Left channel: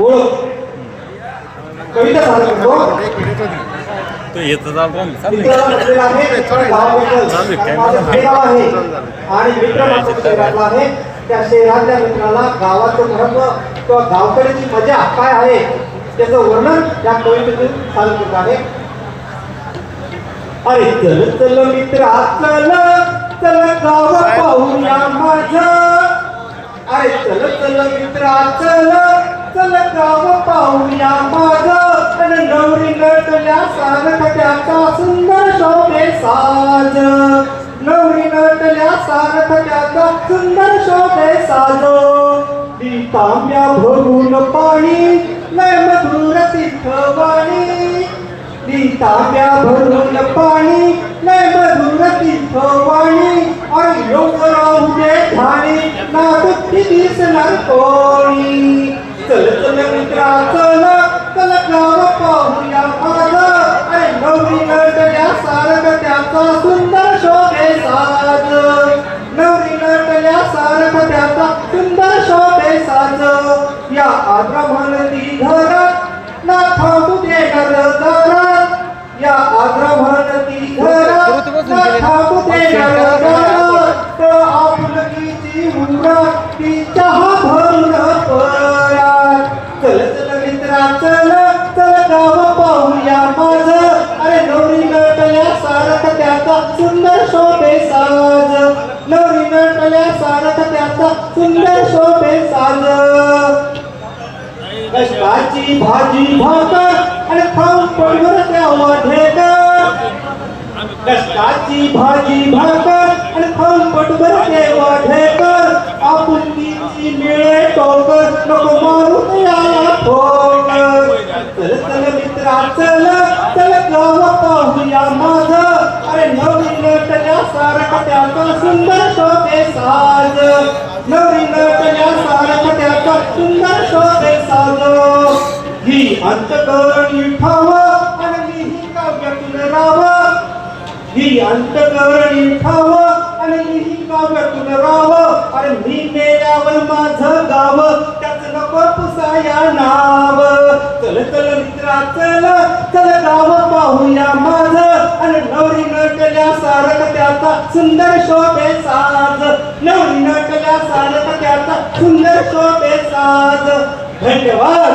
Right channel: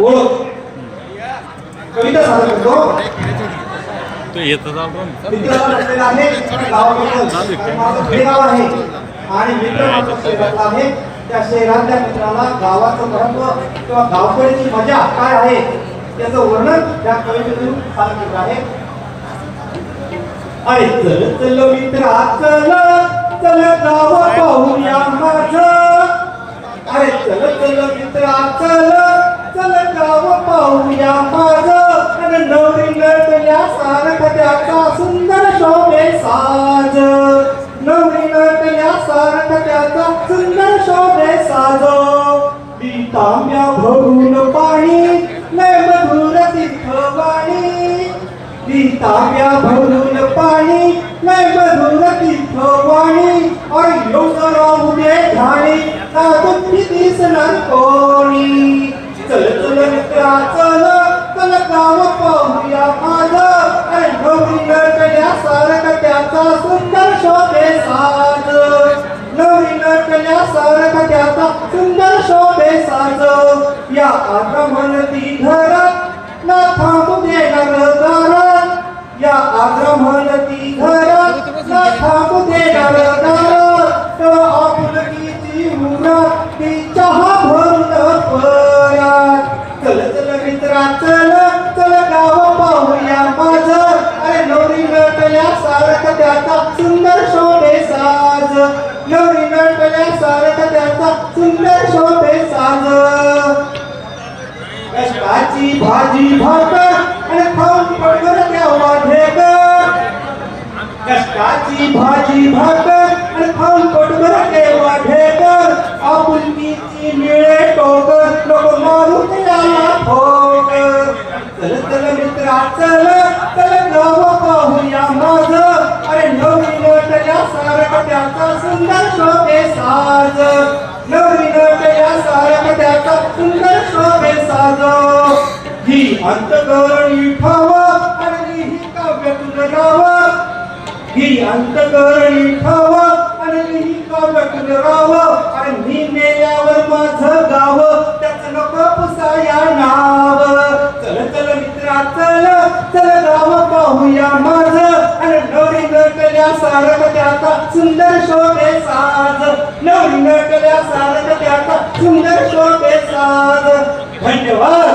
ओळख कविता सादर करतो तो येतं आणि मित्र आहे. त्या शहरातल्या मित्राला गावाचं महत्त्व किंवा गावकड्याची मजा काय आहे त्याचं वर्णन या कवितेतून चालू करत आहे. अरे चल चल मित्रा चल चल गाव पाहूया माझं. अरे चल चल मित्रा चल. चलकाव पाहूया माझं आणि नवरी नटल्या सारखत्याचा सुंदर शोभे साज. नवरी नटल्या सारखत्याचा सुंदर शोभे साज. ती तांब्या भरून पाणी लय मधुर तिथवाणी ती तांब्या भरून पाणी लय मधुर तिथवाणी आणि योग राहू दे ध्यानी ना दुःखी दिसणार कोणी? चल चल मित्रा चल चल गाव पाहूया माझं. अरे नवरी नटल्या सारख त्याचा सुंदर शोभे साज. नवरी नटल्या सारख त्याचा सुंदर शोभे साज. या आश्रमती घरात ना थांबू देणार दारात. या आश्रमती घरात ना थांबू देणार दारात. चल चल गाव पाहूया अरे नवरी नटल्या सारख त्याचा सुंदर शोभे साज नवरी नटल्या सारख त्याचा सुंदर शोभे साज कष्टाची भाजी भाकर आणि खाऊन पडवर द्यावा ढेकर कष्टाची भाजी भाकर आणि खाऊन पडवर देवा ढेकर चल चल मित्रा चल चल गाव पाहूया माझ अरे नवरी नटल्या सारख त्याचा सुंदर शोभे साज नवरी नटल्या सारख त्याचा सुंदर शोभे साज ही अंतकरणी ठावा आणि ही काव्यातून रावा. ही अंतकरणी गौरी नटल्या सारक त्याचा सुंदर शोभे साज. गौरी नटल्या सारक त्याचा सुंदर शोभे साज. धन्यवाद.